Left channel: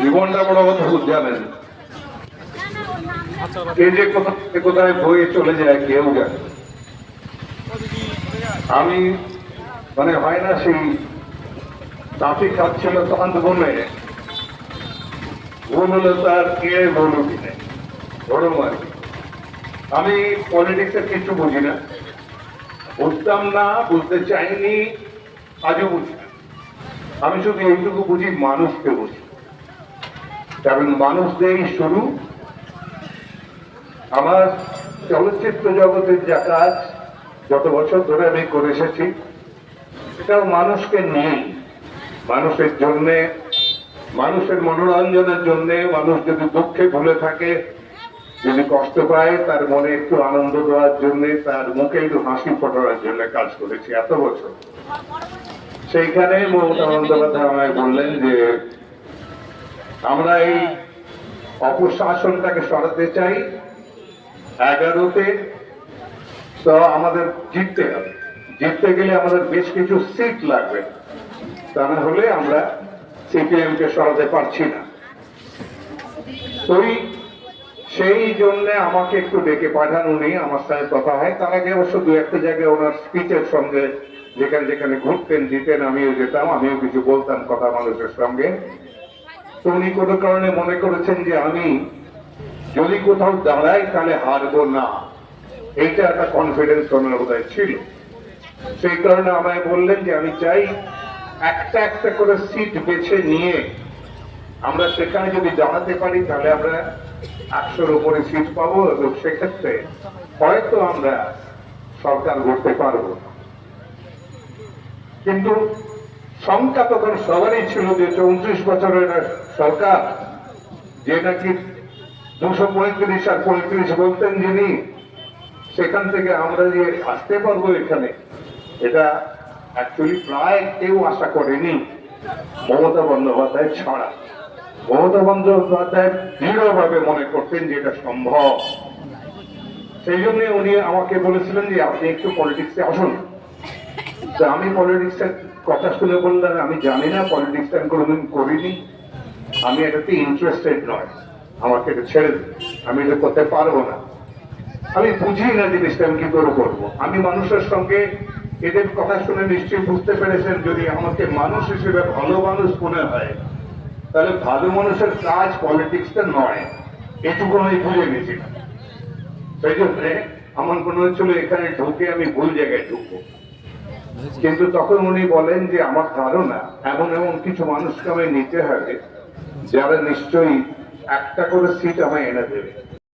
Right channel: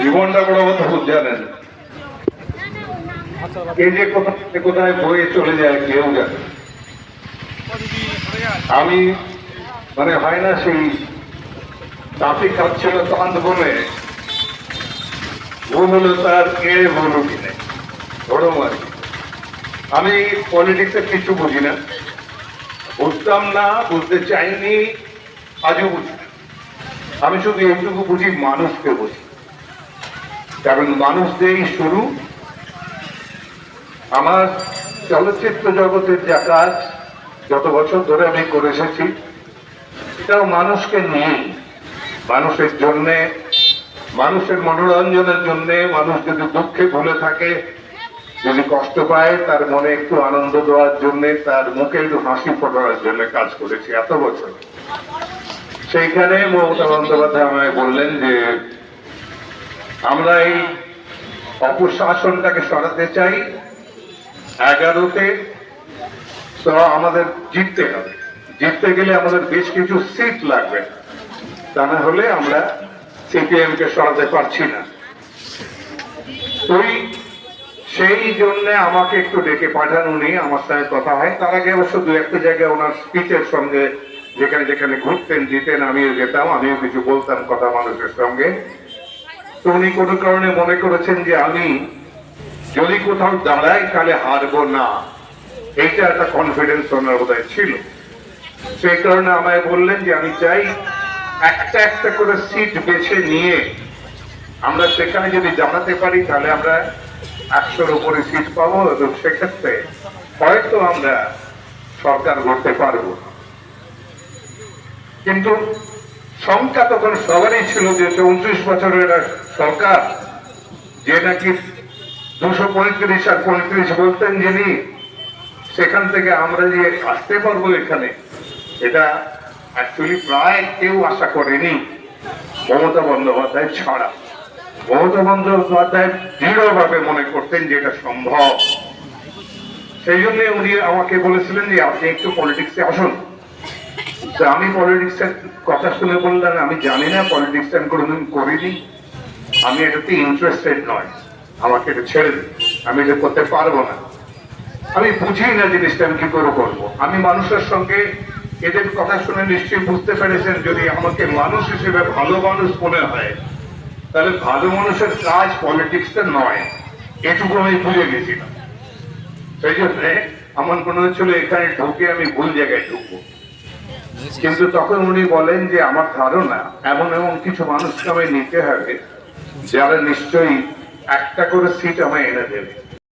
জীবনটা বড় কথা খুব জানেন এই যে কোথায় কোথায় বয়ে চলে যায়, কেউ জানে আমি মানে হয় না সেই তাঁতি কাচ্ছিল তখন বলে ভুল হলে তার কে কিনে বড় মানে আমি পলিটিক্সের কিছু বুঝি না। বুঝতাম না, বুঝতে চাইনি, আজও বুঝি আমি শুধু এইটুকু বুঝি, মানুষকে বুঝি। কারণ মানুষ দিয়েই শুরু, আমার চলচ্চিত্র জগতের যা কাজ, যত বছর ধরে আমি করে এসেছি এটাও মানুষকে নিয়ে, মানুষের জন্যে, মানুষের মনোরঞ্জনের জন্যে, মানুষ যদি দুঃখে ভুলে থাকে, যদি কষ্ট পায়, তার মনে একটু আনন্দ দেওয়ার জন্যে, তার মুখে একটু হাসি ফোটানোর জন্য কাজ করেছি এত বছর। সেইখানে মমতা বন্দ্যোপাধ্যায় আমায় বললেন যে আমরা এই অপশাসনটাকে সরাতে চাই। এগারোতে তো আমাদের জিততে হবে। জিততে গেলে আমাদের বেশ কিছু সিট লাগবে। তা না হলে আমরা সিপিএম কে সরাতে পারছি না। ওই সেই জন্য আমাকে একটু ডেকে পাঠান উনি, আমার সঙ্গে কথা হয়। তার আগে অবশ্য দু একটা জায়গায় ওনার স্পিচের সঙ্গে যেখানে যেখানে ঘুরতেন দিতেন আমিও যেতাম, আমিও কিছু বলতাম কথা মানুষের সঙ্গে। তো উনি কোনো কারণে মনে করেছেন যে আমি যদি কোথাও দাঁড়াই, তাহলে হারবো না। এইটা একটা কনফিডেন্স ওনার বোধহয় ছিল। সেই কারণে আমায় বললেন যে আমি চাই একটা একটা করে সিট বেছে নিয়ে আমরা সেখানে যদি জানাতে পারি, তাহলে আমরা একশোর উপরে সিট পাবো এবং সেক্ষেত্রে হয়তো আমরা সরকার গড়তে পারব। কিন্তু সংখ্যা তখন সবারই ছিল যে চৌত্রিশ বছরের সরকার, যে নাকি দুশো পঁয়ত্রিশ আর পঁয়ত্রিশ বলতেন যিনি, সেখান থেকে আমরা যে আসতে পারব এখানে, এটা অ্যাকচুয়ালি প্রায় কেউ আশা করেনি। মমতা বন্দ্যোপাধ্যায় ছাড়া। মমতা বন্দ্যোপাধ্যায় দৃঢ়ভাবে মনে করতেন যে এটা সম্ভব। সেই জন্য উনি আমাকে বলেছিলেন যে আপনি একটু পলিটিক্সে আসুন। তো আমি পলিটিক্সের কথা শুনে বললাম, আমি জানি না পলিটিক্স আমি কোনোদিন করিনি। আমি এটাতে ইন্টারেস্টেড নয়। আমাকে এটা ছেড়ে দিন। আমি এটা করতে পারব না। আমি বুঝি না জিনিসটা, আমি কি করে করব? আমি মানুষের সঙ্গে এদের কথা শুনে নিশ্চয়ই বুঝতে পেরেছেন, যদি আমাকে মানুষ হিসেবে ভালো মানুষ মনে হয়, তাহলে ভালো মানুষের কাজ পলিটিক্সটা নয়। এটুকু আমি বুঝে গেছিলাম সেই জন্য আমার মনে হচ্ছিল এখানে ঢুকে আমি ভুল জায়গায় ঢুকবো। কিন্তু তখন উনি বলেন যে, আমার ধারণা এমন এমন কিছু মানুষকে আমি নিতে হবে যারা নিশ্চয়ই একটা করে সিট আমায় এনে দেবে।